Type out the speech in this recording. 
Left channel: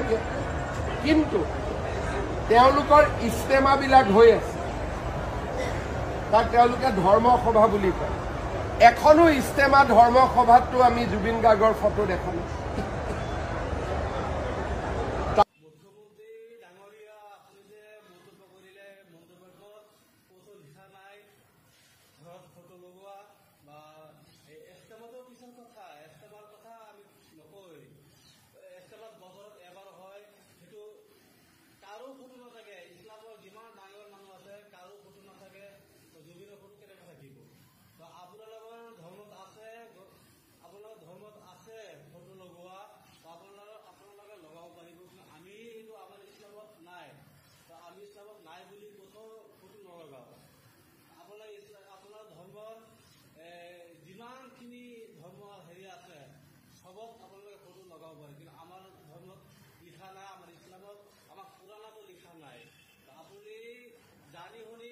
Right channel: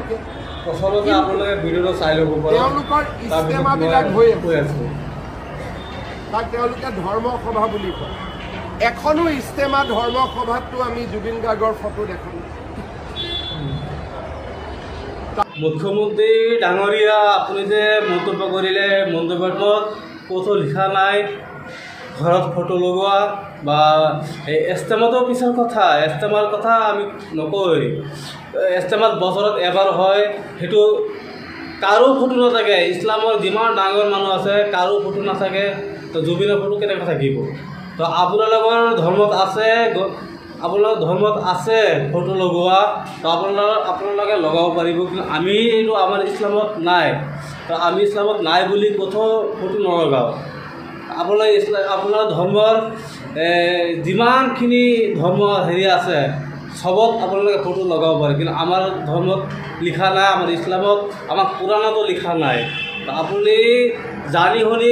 এতিয়া তেওঁলোকৰ ইস্তেমাবিলাক হৈ আছে তাক তেওঁলোকে ধৰ্ম সভা বুলি কয় এখনো ইস্তেমা ধৰ্ম সভাতটো আমি জুবিন গাৰ্গৰ ফটো দেখা নাই মুখ্যমন্ত্ৰী ডাঙৰীয়া আপুনি যে মন্তব্য কৰিলে মন্তব্যত ক'তো লিখা নাই ঘৰত ফটো লগোৱা বা ইস্তেমাটো পিছৰ কথা ইস্তেমাৰ কথা আমি নকয় ইস্তেমাত বছৰত এবাৰ হয় সেইটো কাৰো ফটো নাথাকে ইছলামৰ যিমান ডাঙৰ মানুহ আছে কাৰো ফটো নাথাকে তো জুবিনৰ ফটো কেনেকৈ থাকিব তো আপোনালোকৰ ধৰ্মত আছে ফটো লগোৱা তো আপোনালোকে লগাব পাৰিব কিন্তু আমি এইটো আমাৰ ইছলামত নাই তো আমি ইছলামত নাই বুলি ক'তো ফটো নলগাওঁ আপোনাৰ ধৰ্মৰ যিমানখিনি ধৰ্ম হেৰি আছে চবত আপোনালোকে ফটো লগাব পাৰে কিন্তু আমাৰ ধৰ্মত লিখা নাই আমাৰ ইছলামত আমাৰ কোৰাণতো লিখা নাই আপুনি জানি শুনি